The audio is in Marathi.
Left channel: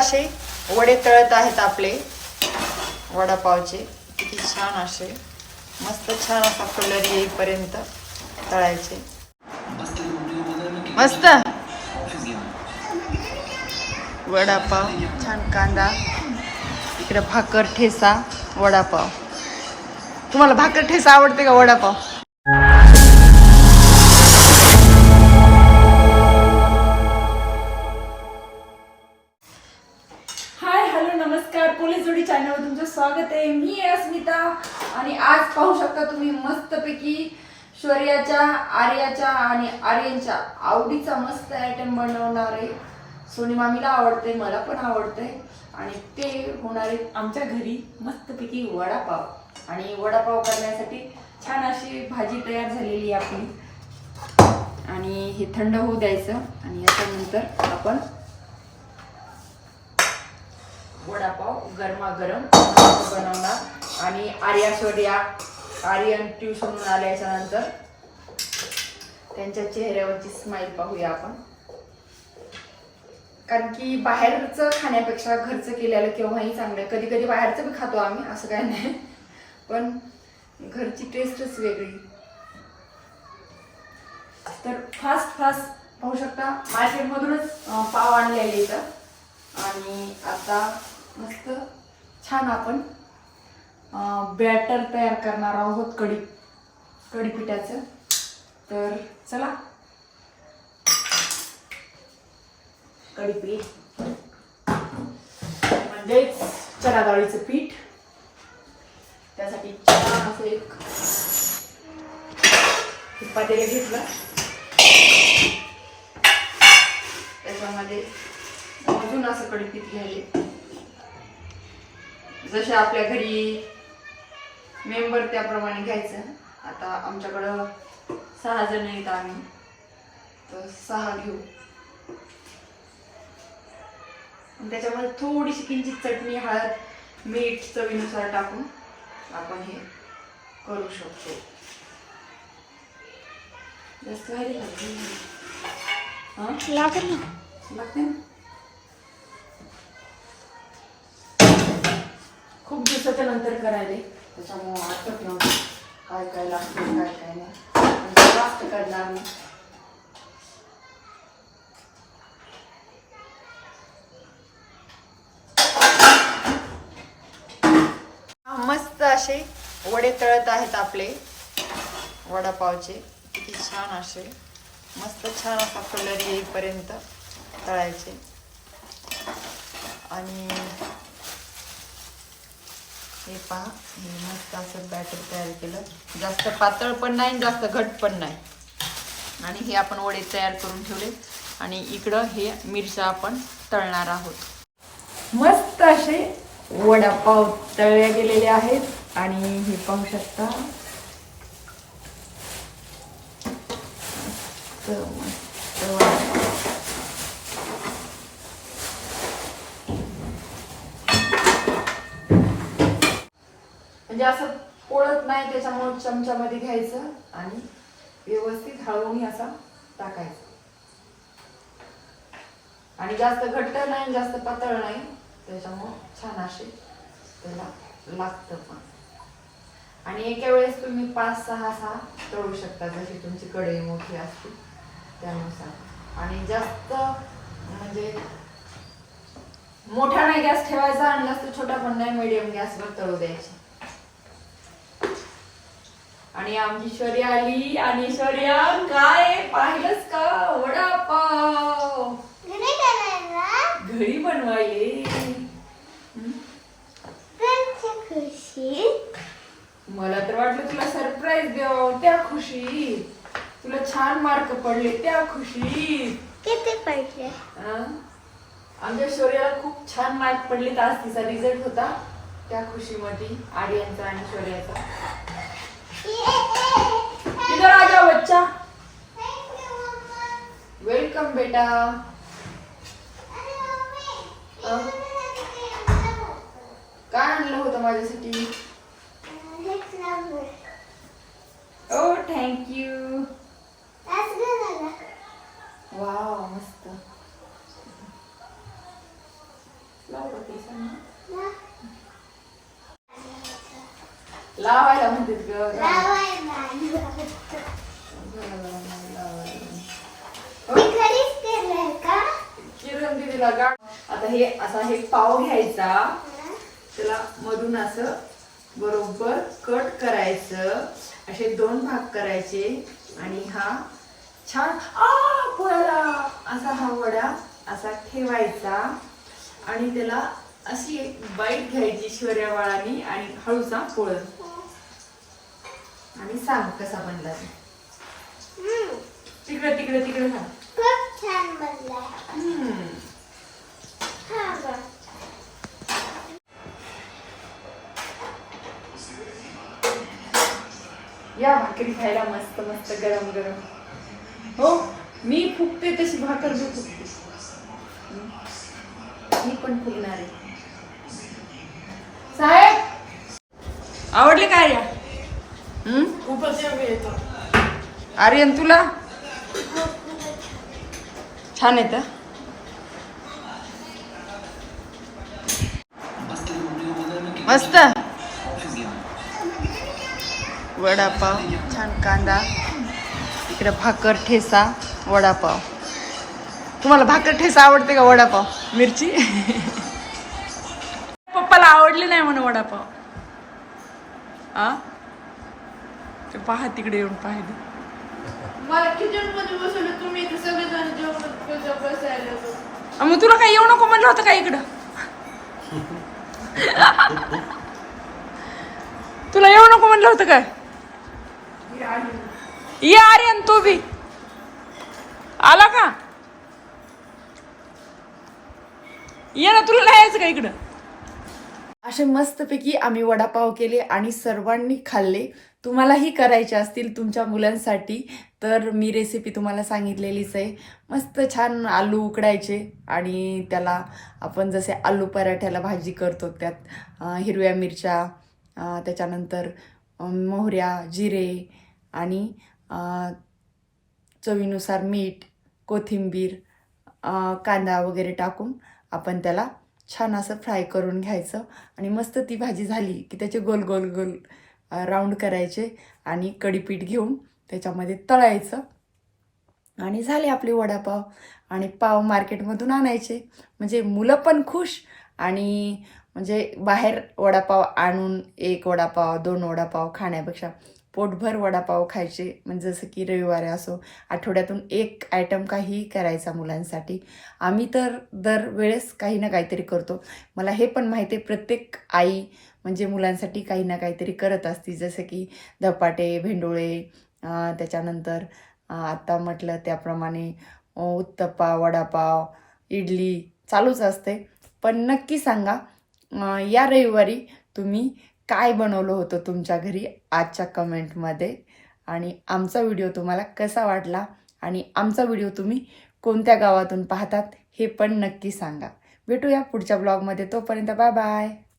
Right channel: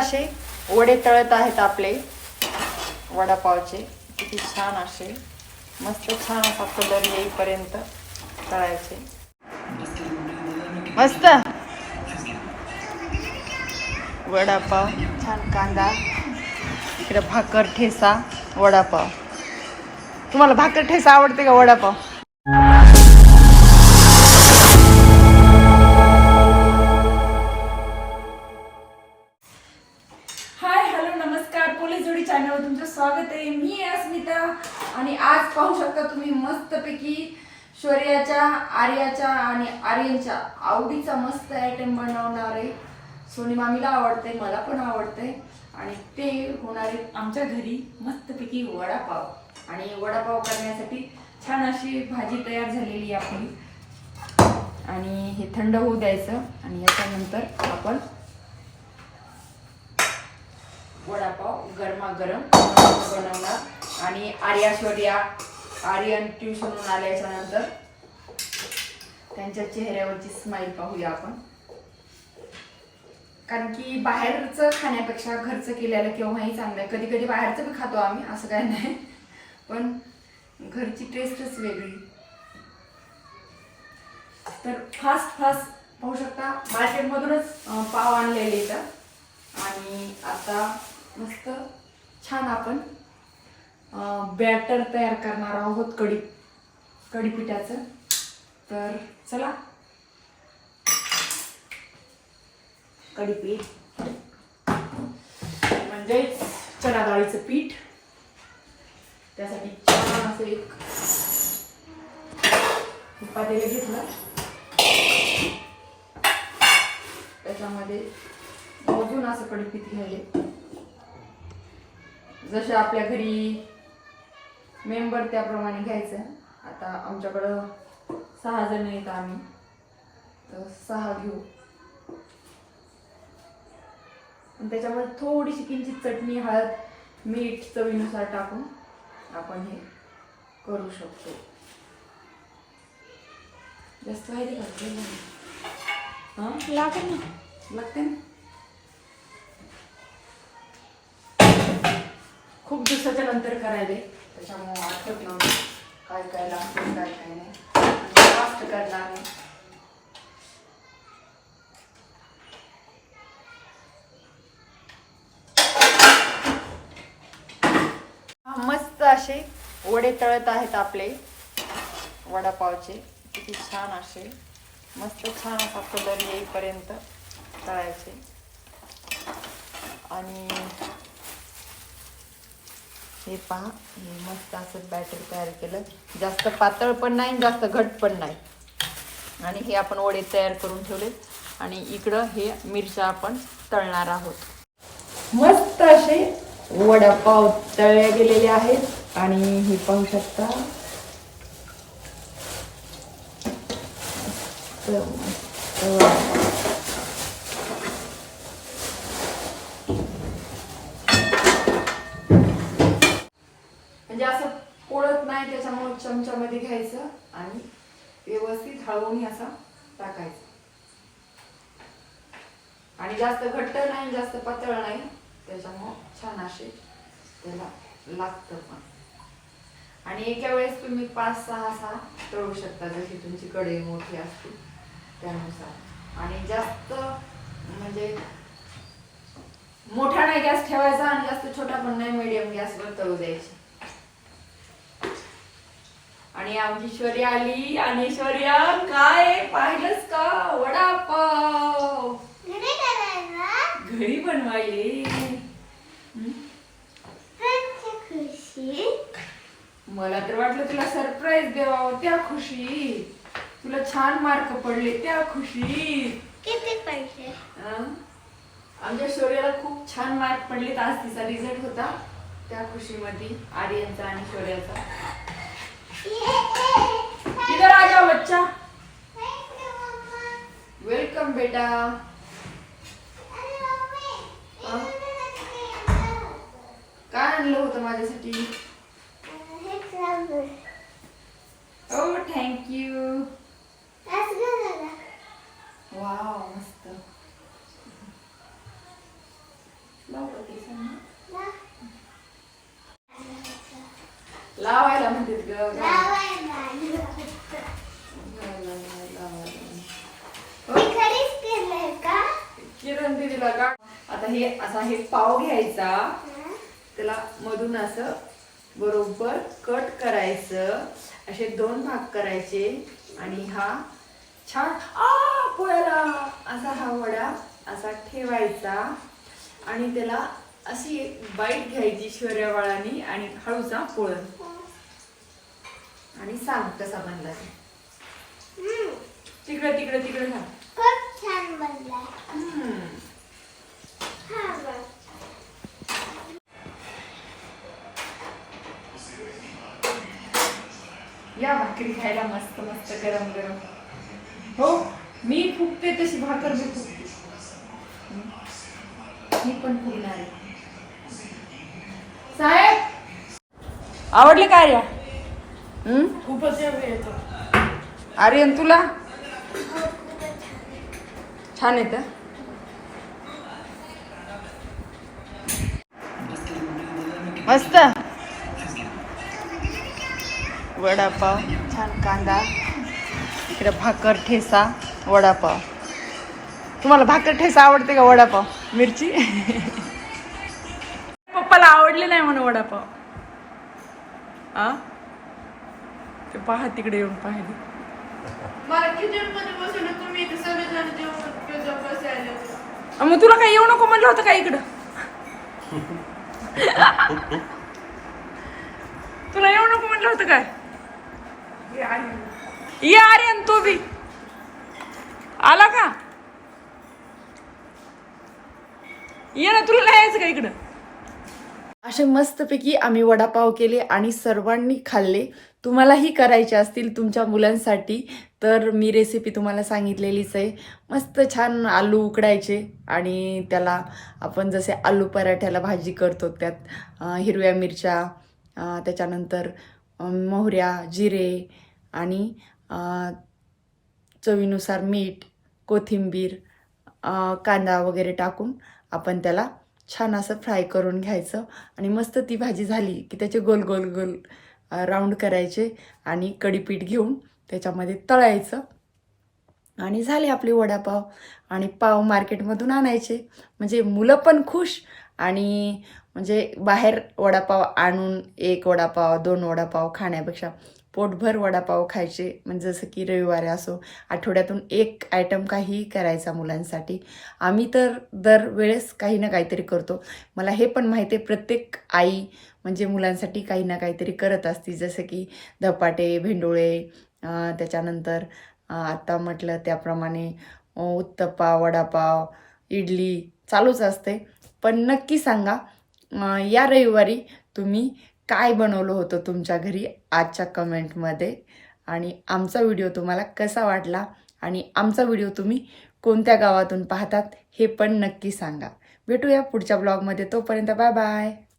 असे वडे तळत आहेत आपले. वडापावचे. किती छान असे. मस्त छान असा कलर येईपर्यंत तळायचे. मस्त. वडापाव. छान कांदा. इकडे भाकर ठेसा. वडापाव. तुम्हाला भाकर ठेसा आवडते का वडापाव? नमस्कार पोलीस जोडी चॅनलवर तुमचं स्वागत आहे. मी आहे अस्मिता आणि आज पाहू शकता तुम्ही मस्तपैकी शौर्याच्या आर्याच्या आणि आर्यनच्या आवडीचा मस्त आयटम बनवणार आहे. सोनी मामीला आवडते मला पण आवडते आणि ते होणार आहे आमच्या घरी मस्तपैकी वडापाव. आणि वडापाव करण्यासाठी छान अशी भाजी तयार झालेली आहे आपली. आणि हे थंड होऊ द्यायचं. आणि याच्यानंतर आपण वडापाव गरमागरम बनवणार. आणि आर्या सोडिया आर्यन ट्युशनहून आल्याच्यानंतर त्यांच्या चेहऱ्यावरची स्माईल पाहूया आपण. कारण की बाहेरचं खाण्यापेक्षा घरचं केलेलं केव्हाही चांगलं कधी कधी बाहेरचं पण खातो आम्ही असं काय नाही. पण घरची टेस्टच वेगळी. तर फास्ट फास्ट पाहू शकता. मार्केटमधूनच पाव आणलेले इथं. आणि आता मस्त. छान आपण बॅटर तयार करणार आहोत कढी कढीपिठाचं. तर चला. कढीपीठ. म्हणजेच चणा डाळीचं पीठ. त्यासाठी छान असं एक पातेले घेतलं. त्याच्यामध्ये अजून असं कढीपीठ घ्यायले. जसे आपल्या घरी मेंबर त्याप्रमाणे घ्यायचं. आता आमच्याकडं सहा जण आहेत आम्ही. तर सहा घेऊ. आणि त्याच्यामध्ये थोडीशी किंचित चटणी हळद मीठ चवीनुसार टाकून आपण हे करू शकतो. जास्त व्हायला हां? लागेल ना? लागते ना? नंतर करायले. त्याच्यामुळं आठवत नव्हतं काय काय लागतं काय काय नाही. जास्त करणार नाही मस्त असे वडे तळत आहेत आपले. वडापावचे. किती छान असे. मस्त छान असा कलर येईपर्यंत तळायचे. आणि हे पहा हे मस्त असं बॅटर तयार केलं. जास्त पातळ पण नाही जास्त घट पण नाही. आणि हे आपण वडे तयार करून ठेवले. आणि इकडं हे मिरच्या आपण तळणार आहोत. मस्त असे वडापाव तळले गेलेले आहेत. आणि हे पाहू शकता. मस्त मस्त त्याच्यामुळे चमच्यामध्ये घ्यायचं आणि व्यवस्थित हळवून असा टाकायचा. आणि जास्त घट्ट नाही जास्त पातळ नाही त्याच्यामुळं छान असे त्याला लागतं पण. आणि एका वेळेस तुम्ही पाच सहा सहा तळू शकता जशी तुमची कढई मोठी असते त्यानुसार. आणि जास्त म्हणजे मोठा नाही गॅस ठेवायचा आणि जास्त छोटा पण नाही मिडियम गॅसवर तळू द्यायचे. आणि आमची शौर्य आली आणि शौर्य काय पाहिलंच का? वडापाव. घरी बनवायले? मला तर वाटलं तुला सरप्राईज द्यावं त्या खुशीत. तुला छान मार्क पडले त्या खुशीत. हं? आमच्या शौर्याला खूप छान मार्क पडले आज तिचा रिझल्ट होता त्या खुशीमध्ये आर्यनचा आणि शौर्याचा. किधर आ जाओ बच्चा। वेलकम बेटा। काय आणलं होतं माझ्यासाठी ओ थँक्यू वा मस्त। लावायला म्हणतात ग. किरण दीदीला गा. आता हे असा हे पाव घ्यायचा. त्याला मधून असं बरोबर कट करायचं. असे दोन भाग करायचे. आणि हा छान आ असा हा वडा असा ठेवायचा. आणि त्याला अशी एक बाईट घ्यायची शौर्यवाळानी आणि हळूचा पोळ. आणि सांग कसा बनला तिकडे तिकडे तिकडे सांग खूप छान. हा बघ. या भाकरी खायला मस्त मस्त गरम गरम हो मी फुगते तशी भाकर मी फुगते हम्म. मी पण फुगणार आहे. साहेब आवडले काय या आर्यन तुला? छान येत मस्त. वडापाव छान कांदा. इकडे भाकर ठेसा वडापाव. तुम्हाला भाकर ठेसा आवडते का वडापाव? मिरची? पप्पाला आवडले नाही म्हणून वडापाव. आ? ते पहा तिकडे येऊन पाहिले. मग तुला काय येऊ नको म्हणलं होतं का इकडं? तुला येऊ नको म्हणलं होतं काय? ये आर्यन तू बी. आला का? ये ना तुला नाही यायचं का इकडं? असे मस्तपैकी आम्ही वडापाव केले आणि सर्वांनी खाल्ले. तुम्हालाही करायचे असतील तुमच्या मुलांसाठी तर मी रेसिपी तुम्हाला सांगितलेलीच आहे. मस्त छान आलू उकडायचे आणि त्याला आपण जसे आलू पराठ्याला भाजी करतो त्यात हिरव्या मिरच्या त्याच्यानंतर मोहऱ्या जिरे आणि चवीनुसार मीठ कोथिंबीर कांदा वगैरे टाकून आपण त्याला छान असं फ्राय करून घ्यायचं आणि मस्त ती भाजी झाली की त्याचे गोल गोल गोल राऊंड करायचे आणि कडीपीठ घेऊन त्याच्यामध्ये तळायचं. आणि झाले आपले वडापाव आणि पाव मार्केटमधून आणायचे. म्हणजे मुलं पण खुश आणि म्हणजे बाहेर वडापाव आणून एक वडापाव दोन वडापाव खाण्यापेक्षा पोटभर वडापाव खायचे. म्हणजे जसं की रविवारी असो आठवड्यातून एक आयटम काही करायचा मुलांसाठी. आम्ही तर दरवेळेस काही ना काहीतरी करतो. मला हे पण माहिती आहे प्रत्येक आई म्हणजे मुलांसाठी काही ना काहीतरी करत असते. जसं की धपाटे भेंडोळे त्याच्यानंतर आत्ता आता म्हटलं त्याप्रमाणे उत्तप्पा वडापाव इडली चालूच असते. पण नक्की सांगा या रविवारी तुम्ही काय बनवलं होतं तुमच्या घरी आजच्या कमेंटमध्ये? आणि आमचा व्हिडिओ तुम्हाला कसा वाटला? आणि आमचा व्हिडिओ तुम्ही कोणत्या गावातून पाहतात हे पण नक्की सांगा. भेटूया पुढच्या ब्लॉगमध्ये. तोपर्यंत बाय बाय.